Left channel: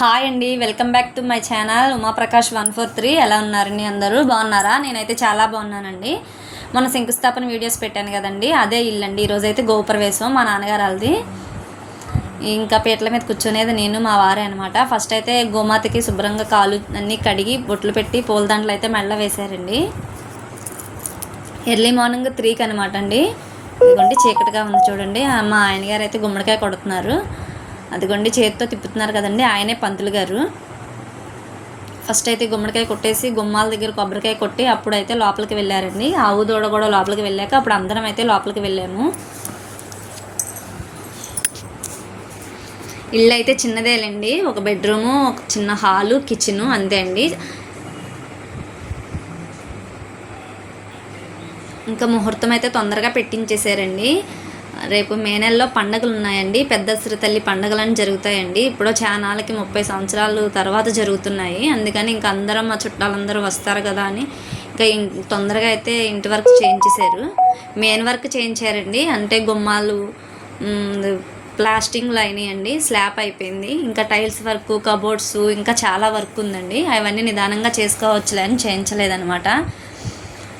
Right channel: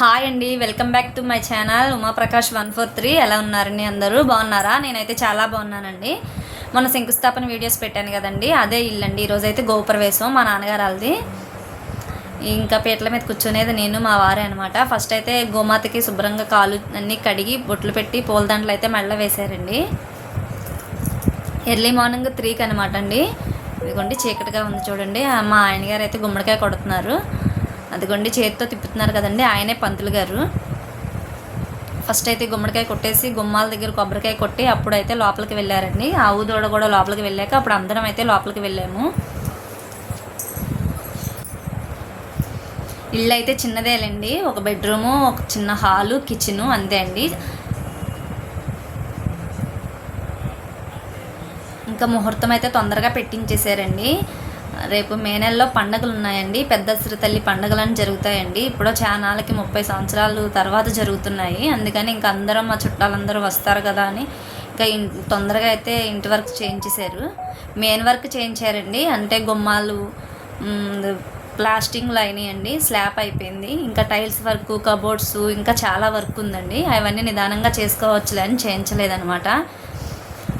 Hi అండి, welcome back to my channel Umaprakash 143. ఎలా ఉన్నారండి? అందరూ బాగున్నారా? నేనైతే చాలా బాగున్నానండి. మన శంకుస్థాపన వీడియోస్ పెట్టాను కదండి, అదే ఇల్లండి. ఈరోజైతే గోపురవేశం మా నాన్నగారు వాళ్ళది. ఇంకా పీటల మీద కూర్చునేది నేను మా వారే అనమాట. ఫస్ట్ అయితే గోమాతకి శుభ్రంగా కాలు అన్నీ కడిగి బొట్లు పెట్టి పూలదండలు అయితే మెళ్ళ వేశారండి. ఎర్లీ మార్నింగ్ 3కి అనమాట అండి. ఇదిగోండి చీకటిగా ఉంది చూడండి. మా ఆయనగారు అయితే గుమ్మడికాయ కొడుతున్నారు. అదిగోండి చేతితో తిప్పుతున్నారు కదండి, ఆయనే పంతులు గారు. ఫస్ట్ అయితే గుమ్మడికాయ కొట్టేసి గుమ్మాల దగ్గర కొబ్బరికాయ కొట్టి అప్పుడైతే లోపలికి వెళ్ళారండి. ఆవు దూడ కూడా లోపలికి వెళ్ళాక అప్పుడు అందరం అయితే లోపలికి వెళ్ళాము. ఇల్లు అయితే చిన్నదేలేండి, ఒక బెడ్రూము, ఒక చిన్న హాలు, కిచెను, అంతే అండి. ఇంకా ముహూర్తం అయితే తొందరగా పెట్టించేశారండి. రేపు మే నెలలో పండుగలు ఉన్నాయండి, పెద్ద శ్రీతల్లి పండుగలని జరుగుతాయండి. ఇప్పుడు చానాలకి 30 సంవత్సరాలు తర్వాత జరుగుతున్నాయి. అందుకని ఇంకా అందరం మా చుట్టాలందరూ వస్తారు కదా అని ఇంకా తొందరగా అయితే ఇంటి వర్క్ చేయించేశారు. మెయిన్ వర్క్ చేయించారండి, అంటే గుమ్మాలు ప్లాస్టింగ్లు అయినాయండి, స్లాబ్ అయిపోయింది. ఇంకా టైల్స్ వర్క్, కబోర్డ్స్, ఇంకా చాలా వర్క్ ఉందండి. అవన్నీ నిదానంగా చేసుకోవచ్చులే అని చేయించలేదనమాట.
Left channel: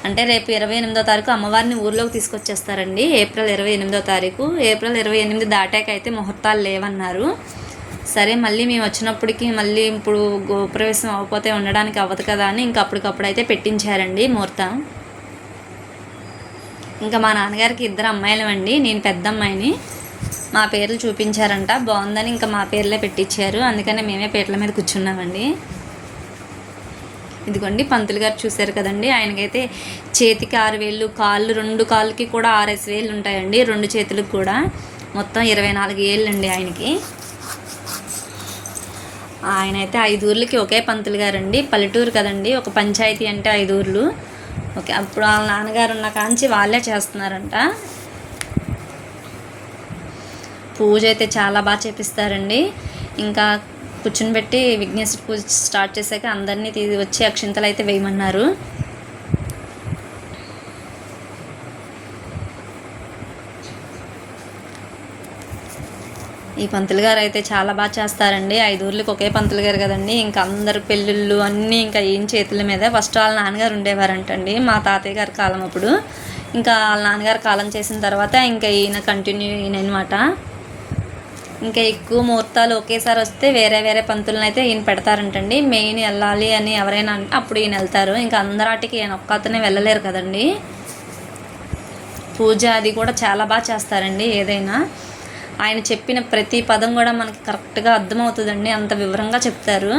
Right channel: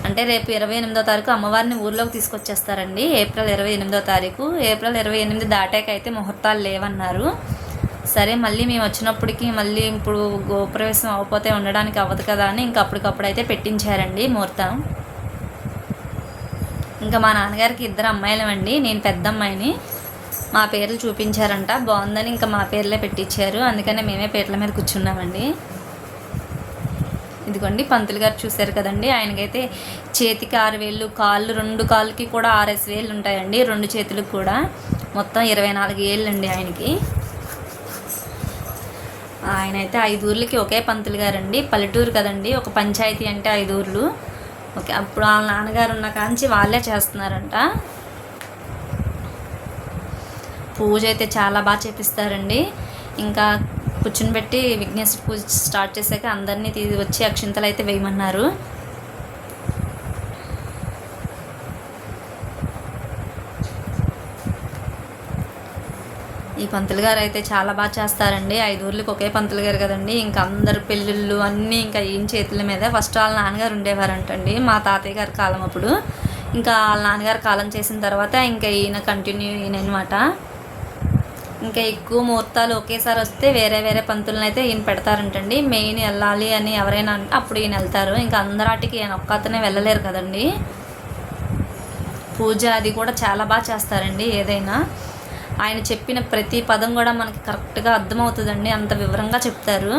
అంటే రేపు 28వ తారీఖు అమ్మవారిని ఊర్లోకి తీసుకొచ్చేస్తారండి. ఏప్రిల్ 28వ తారీఖు. ఏప్రిల్ 28 దాటాక అయితే ముహూర్తాలు లేవన్నారు. సరే మళ్ళీ మేము వచ్చినప్పటికి మళ్ళీ ఇప్పుడు గృహప్రవేశం అవ్వకపోతే ఉండడానికి అవ్వదు కదా అని ఇంకా అప్పటికప్పుడు అయితే పెట్టించారండి ముహూర్తం. ఇంకా మా నాన్నగారికి 2 అమ్మాయిలమండి, నేను పెద్ద అమ్మాయిని. మా పేర్లు చూపించారంట, బాగుందని ఇంకా మా పేర్లే పెట్టించారు. అందుకనే మేమే పీటల మీద కూర్చున్నామండి. ఇదిగోండి పంతులు గారు చూశారు కదండి, ఆయనకైతే చేతికి 6 వేళ్ళు, కాళ్ళు 2 కాళ్ళకి కూడా 6 వేళ్ళు ఉంటాయండి, 2 చేతులకు కూడా. మొత్తం 24 ఏళ్ళు అండి ఆయనకి. ఆయనైతే 5 ఊర్లకి ఒకే పంతులు గారండి. పల్లెటూరు కదండి, ఒక పంచాయతీ అంటే 5 ఊర్లు. ఓకే, అప్పుడు వాళ్ళ నాన్నగారు ఉన్న కాంచి వాళ్ళే చేస్తున్నారంట. పూజ అయితే చాలా బాగా చేపిస్తారండి. ఇంకా కూర్చుని పెట్టి విఘ్నేశ్వర పూజ స్టార్ట్ చేశాక అందరినీ వచ్చి అక్షింతలు అయితే వేయమన్నారు. ఈ పంతులు గారు అయితే చాలా బాగా చేస్తారండి. 5 ఊర్లకి ఒకే పంతులు గారు కదండి. ఇంకా అందరు పెళ్ళిళ్ళు అన్నీ ఇంకా ఏం చేతుల మీద. ఫస్ట్ వాళ్ళ నాన్నగారు ఉండేవారంటండి, మా తాతయ్య గారి కాలం అప్పుడు. ఇంకా వాళ్ళ నాన్నగారు కాలం చేసిన తర్వాత ఇంకా ఈయన కంటిన్యూ అయినమాట. ఇంకా ఎక్కువ ముహూర్తాలు ఒకేసారి వస్తే వేరే వేరే పంతులను అయితే ఈయన పెడతారంటండి. మెయిన్ వెళ్ళాలి అని ఎవరైనా అంటే అప్పుడు ఈయన వెళ్తారు. ఇంకా అందరాటికి ఈయన ఒక్కతనే వెళ్ళలేరు కదండి. పూజ అది కూడా చాలా బాగా చేస్తారండి. ఏదైనా ఆయన చెప్పిన ప్రతి పదం కూడా మనకి కరెక్ట్గా అర్థమవుతుందండి, అంత వివరంగా చెప్తారు.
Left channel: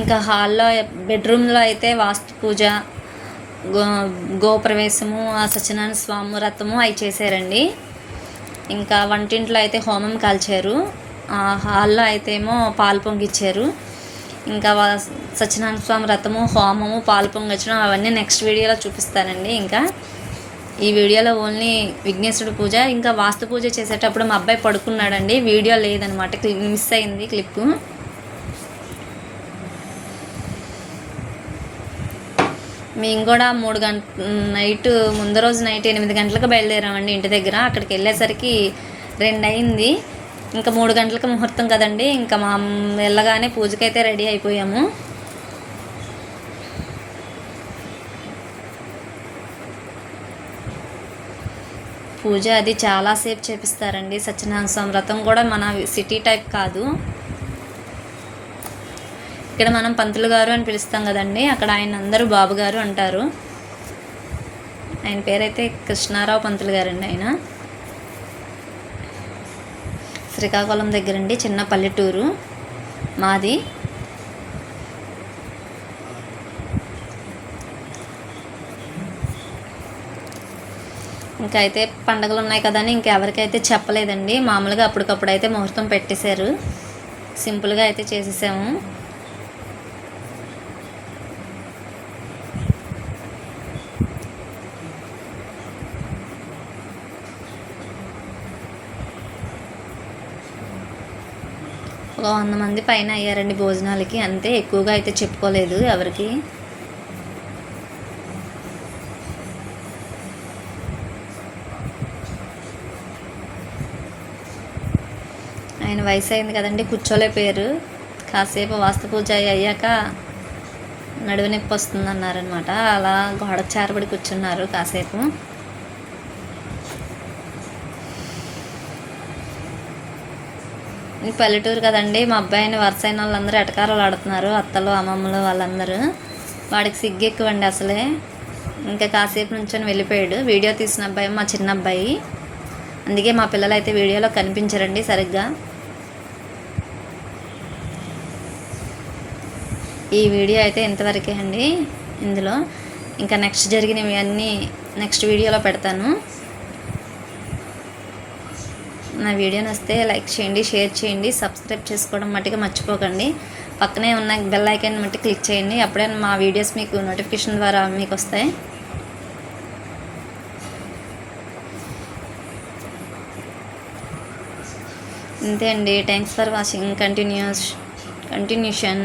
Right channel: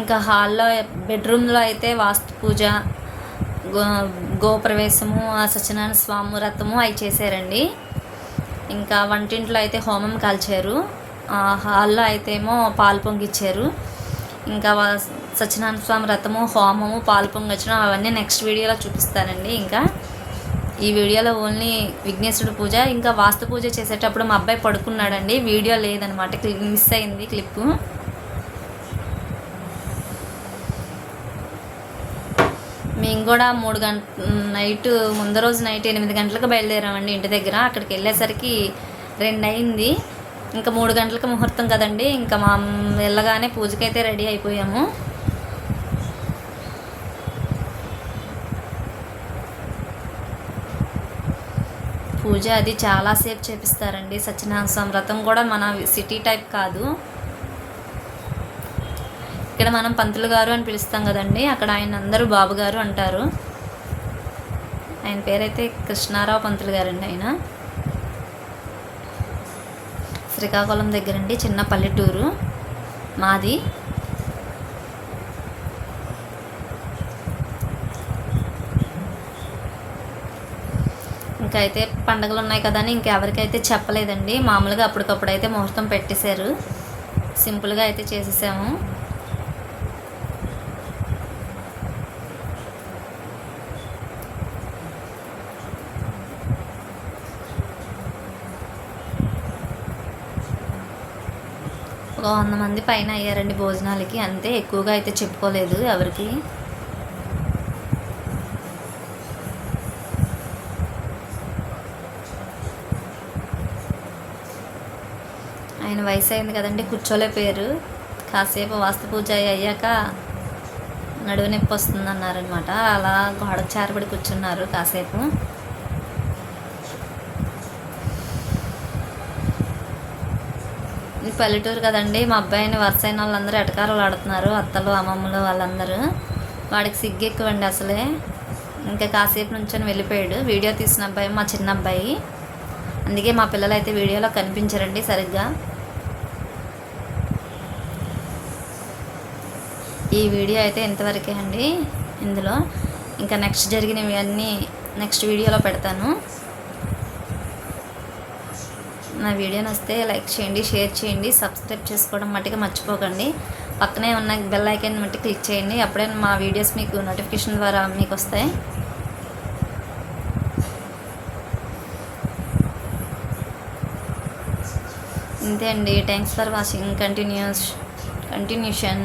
ఇంకా హాల్లో బెడ్రూమ్లో అయితే వాస్తు పూజ, గోప్రవేశము, సత్యనారాయణ స్వామి వ్రతము అవి చేశారండి. ఇంకా వంటింట్లో అయితే హోమం కాల్చారు. హాల్లో అయితే ఏమో పాలు పొంగిచ్చారు. ఇంకా సత్యనారాయణ స్వామి వ్రతము, హోమము, పాలు పొంగించడం అవన్నీ నెక్స్ట్ వీడియోలో చూపిస్తానండి. ఇంకా ఈ వీడియోలో ఓన్లీ విఘ్నేశ్వరుడు పూజ. ఇంకా వాస్తు పూజ చేసేటప్పుడు మా అబ్బాయి పడుకున్నాడండి, వీడియో లేదనమాట, మిస్ అయింది క్లిప్పు. మేము కూడా 3 నైట్ ముందు రోజు నైట్ 8 గంటలకు బయలుదేరామండి ఇంటి దగ్గర. అక్కడికి వెళ్ళేసరికి 2 అయింది. ఇంకా 3 గంటలకు ముహూర్తం కదండి. ఇంకా మా వెళ్ళగానే పూజకైతే రెడీ అయిపోయాము. పూజ అది చాలాసేపు చేపిస్తారండి. సత్యనారాయణ స్వామి వ్రతం కూడా మన సిటీ టైప్ కాదు. ఇక్కడ మనం పంతులు గారు అని పిలుస్తాం కదండి, అక్కడ ఆయన అందరూ బాబు గారు అంటారు. ఆయన పేరైతే కృష్ణారావు పంతులు గారండి. ఆయన శ్రీకాకుళం దగ్గరండి, చిన్న పల్లెటూరు మాది. ఇంకా అయితే పండుగలు ఉన్నాయి కదా అని ఇంకెవరికైతే చెప్పలేదండి. మామూలుగా అప్పటికప్పుడు అయితే ముహూర్తం పెట్టేశారు, సింపుల్గా అయితే చేసేసాము. ఒక 100 మంది పైన అయ్యారండి భోజనాలకి, అంతే. ఎక్కువగా అయితే చెప్పుకోలేదు ఎవరికి. ఆయన వయసు అయింది కదండి, కూర్చోలేకపోయారు. కాసేపు వాస్తు పూజ అయ్యాక నడువు నొప్పి వస్తుంది అన్నారనమాట. అలా గోడకు చేరబడి కూర్చున్నారు కాసేపు. ఈ పల్లెటూరు కదండి, మా అబ్బాయిని వరుస అయిన వాళ్ళందరూ ఎటకారాలు ఆడుతున్నారు, అత్తలు అమ్మమ్మలు వాళ్ళందరూ. వాడికి సిగ్గు ఎక్కువండి అసలే. ఇంకా కాసేపు నుంచొని వెళ్ళిపోయాడు. వీడియో తీసిన అబ్బాయి మా చిన్న అబ్బాయి, అందుకే మా పిల్లలు అయితే వీడియోలో కనిపించరండి సరిగ్గా. ఈ వీడియో అయితే ఇంతవరకే అండి. ఇందులో ఇంకా నెక్స్ట్ జరిగినవి అన్నీ నెక్స్ట్ వీడియోలో పెడతాను. నా వీడియో నచ్చితే లైక్ చేయండి, షేర్ చేయండి, సబ్స్క్రైబ్ చేసుకోవడం మట్టుగా మర్చిపోకండి. పక్కనే ఉన్న బెల్ ఐకాన్ మట్టి క్లిక్ చేయండి, అప్పుడే మా వీడియోస్ మీకు నోటిఫికేషన్ ద్వారా మీకు వస్తాయి. అంతే అండి. Thanks for watching. కంటిన్యూషన్.